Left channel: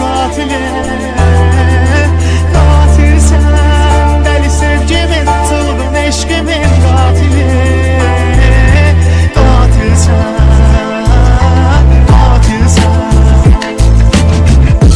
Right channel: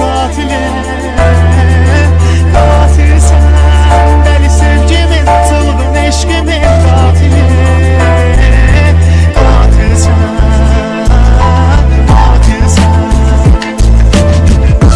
qatili. Qatilsən, dəli sevgimin, çılğın eşqimin qatili. Qatilsən, qatilsən.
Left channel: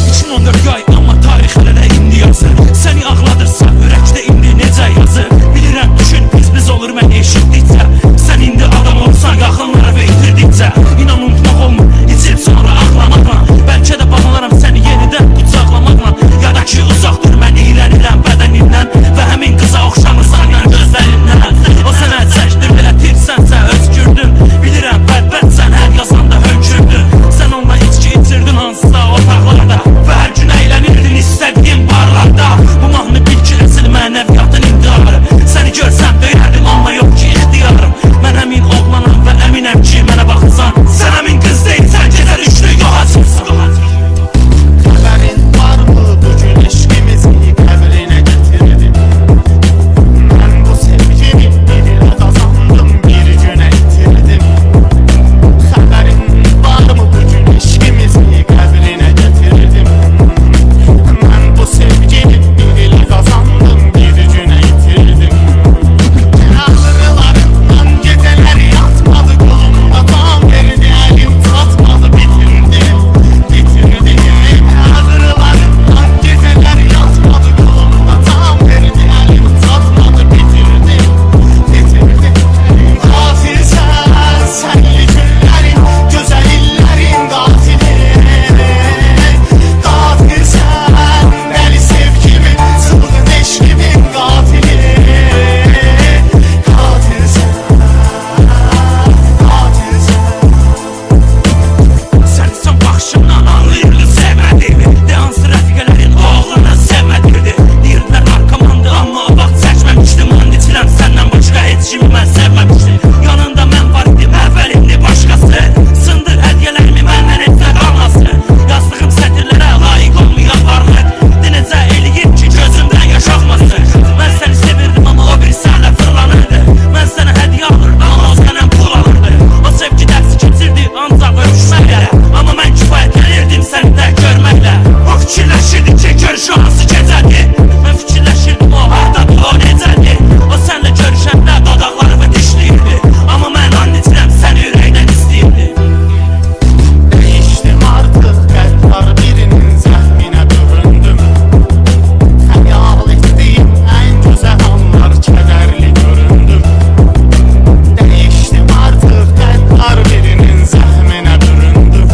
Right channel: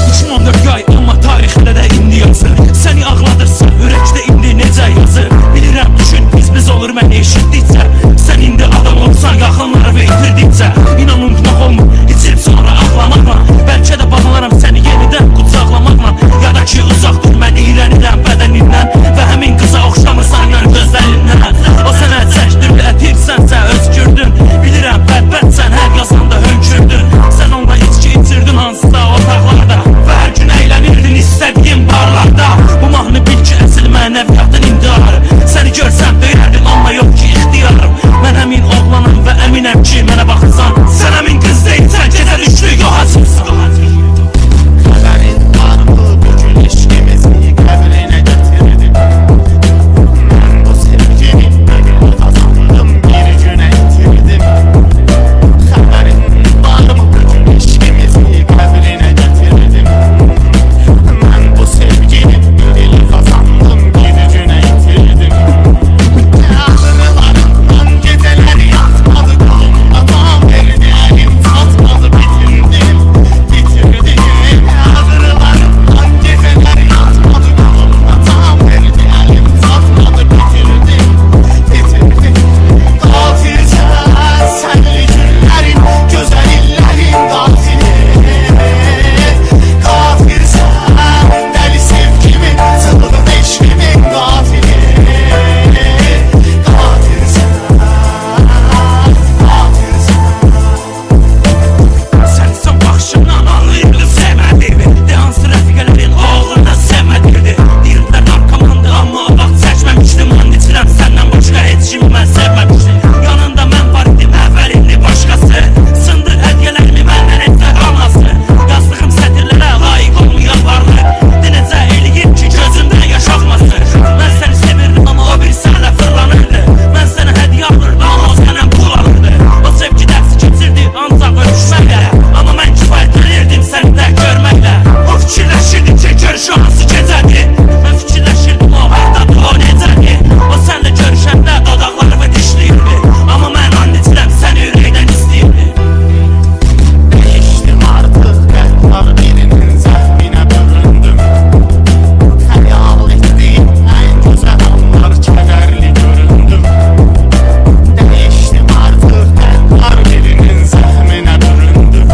2014 ay amma tarix hələ də indi yazır. Səni ağladırsa ürəkdə indi necə yazır. Bilirəm düşün biz olur məni eşitdikcə. Sən indi adam olsan yaxınları və itirdikcə. İnan unutmaq olmur içib sonra ağlamaqla. Bəlkə də bağlaram səni yenidən qucaqlamaqla. Ya da ki uzaq dur mən iyrənirəm bədənindən. Və həmin qıza oxşamırsan mən gözlərindən. O sənə çəkdirdətirsənsə özgürdün. Bilirəm bədbədsən hər yazanda hönkürdün. Sən onunla içki itirdin hansısa otaqlarda. Və hər gün əylənirdin istədiyin barlarda. Bu mahnı bil ki əsl mənəviyyatın intiharı. Səni görsəm döyərdin onunla yox ki ixtiyarım. Mən həmin oğlanam və əminəm ki mənə baxırsan. Sən həmin qız deyilsən gecə düşdü yox açırsan. Xəbərin varmı bugün eşqimizi qəbrinə gətirdim. Mən bu sevgimi birilə qazandım, bir günə itirdim. Xəbərin varmı bugün eşqimizi qəbrinə gətirdim. Mən bu sevgimi birilə qazandım, bir günə itirdim. Ağrılarından gecələr yatmadı qolumda, tam verdi əlim çatmadı, bitirdim, bitirdim. Ağrılarından gecələr yatmadı qolumda, tam verdi əlim çatmadı, bitirdim, bitirdim. Qatilsən, sənli günlərin, gözəl illərin qatili. Qatilsən, dəli sevgimin, çılğın eşqimin qatili. Qatilsən, qatilsən. Sən son baxışından anlayırdın sevmədiyimi. De hansı rəfiqələrin oğlana sevmədirdi. Deyirdilər narkomandı amma o vaxt çəkməmişdim. And içirəm səndən başqa heç kimi mən sevməmişdim. Yanında mən var idim əvvəlindi başqası. Sındır hədiyyələrimi məndən etsə qalması. Yazdığım sətirlərə layiq olmayan varlıq. De necə eləyib ki gözümdən yaş axmasın. Mən səni sevirdim amma o bir sənə fırlanırdı. Mən sənə hədiyyə alırdım amma o sənə pul alırdı. O sevgi dərsi keçirdi ancaq öpüşməklə. Amma mən kifayətlənirdim səni də görməklə. O fikirləşirdi ki görüşü hansı gecədir. Mən fikirləşirdim o hardadır, o necədir. O sənlə görüşəndə dodaqlarımı dişləyirdi. Amma mən and içirəm səni ürəkdən istəyirdi. Dəyişdim artıq qəddar birinin zəhminə büründüm. Xəyal etdiyim ən gözəl anlar kədərli göründüm. Dəyişdim artıq qəddar birinin zəhminə büründüm.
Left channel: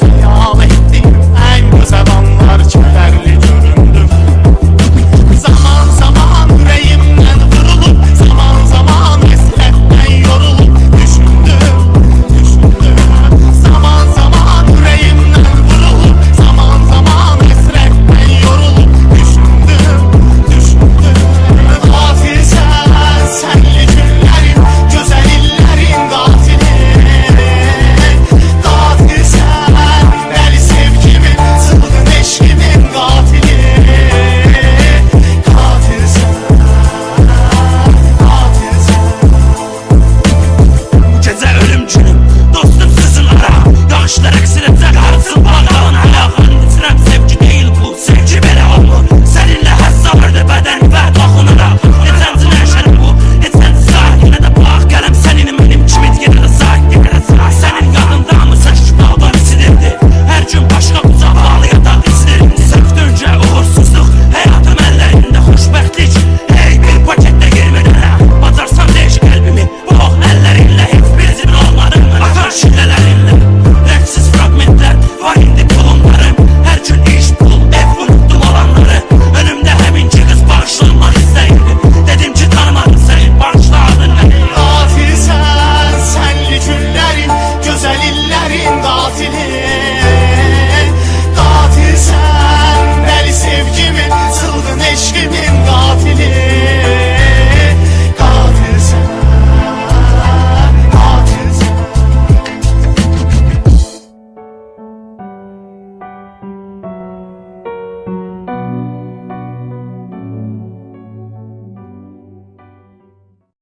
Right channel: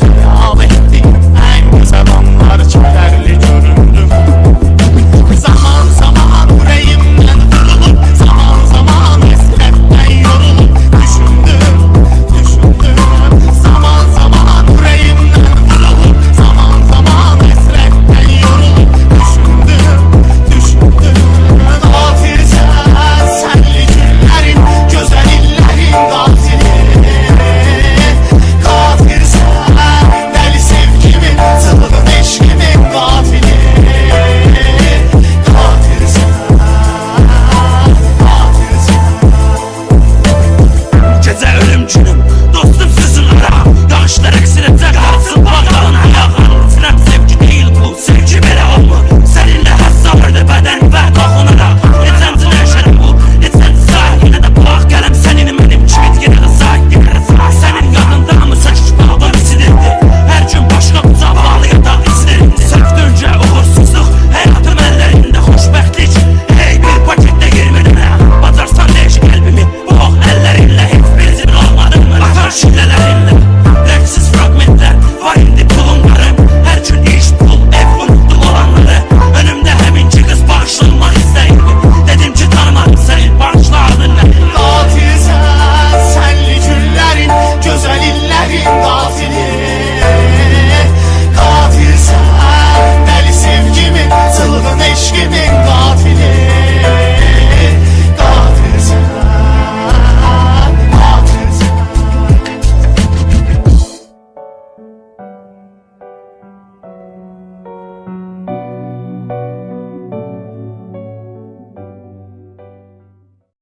Xəyal etdiyim ən gözəl anlar kədərli göründüm. Zaman zaman ürəyimdən vurulub, zaman zaman həsrətdən yorulub düşündüm, düşündüm. Zaman zaman ürəyimdən vurulub, zaman zaman həsrətdən yorulub düşündüm, düşündüm. Qatilsən, sənli günlərin, gözəl illərin qatili. Qatilsən, dəli sevgimin, çılğın eşqimin qatili. Qatilsən, qatilsən. Gecə ölüm günüm dostum sizin ara. Yağışlar əksinə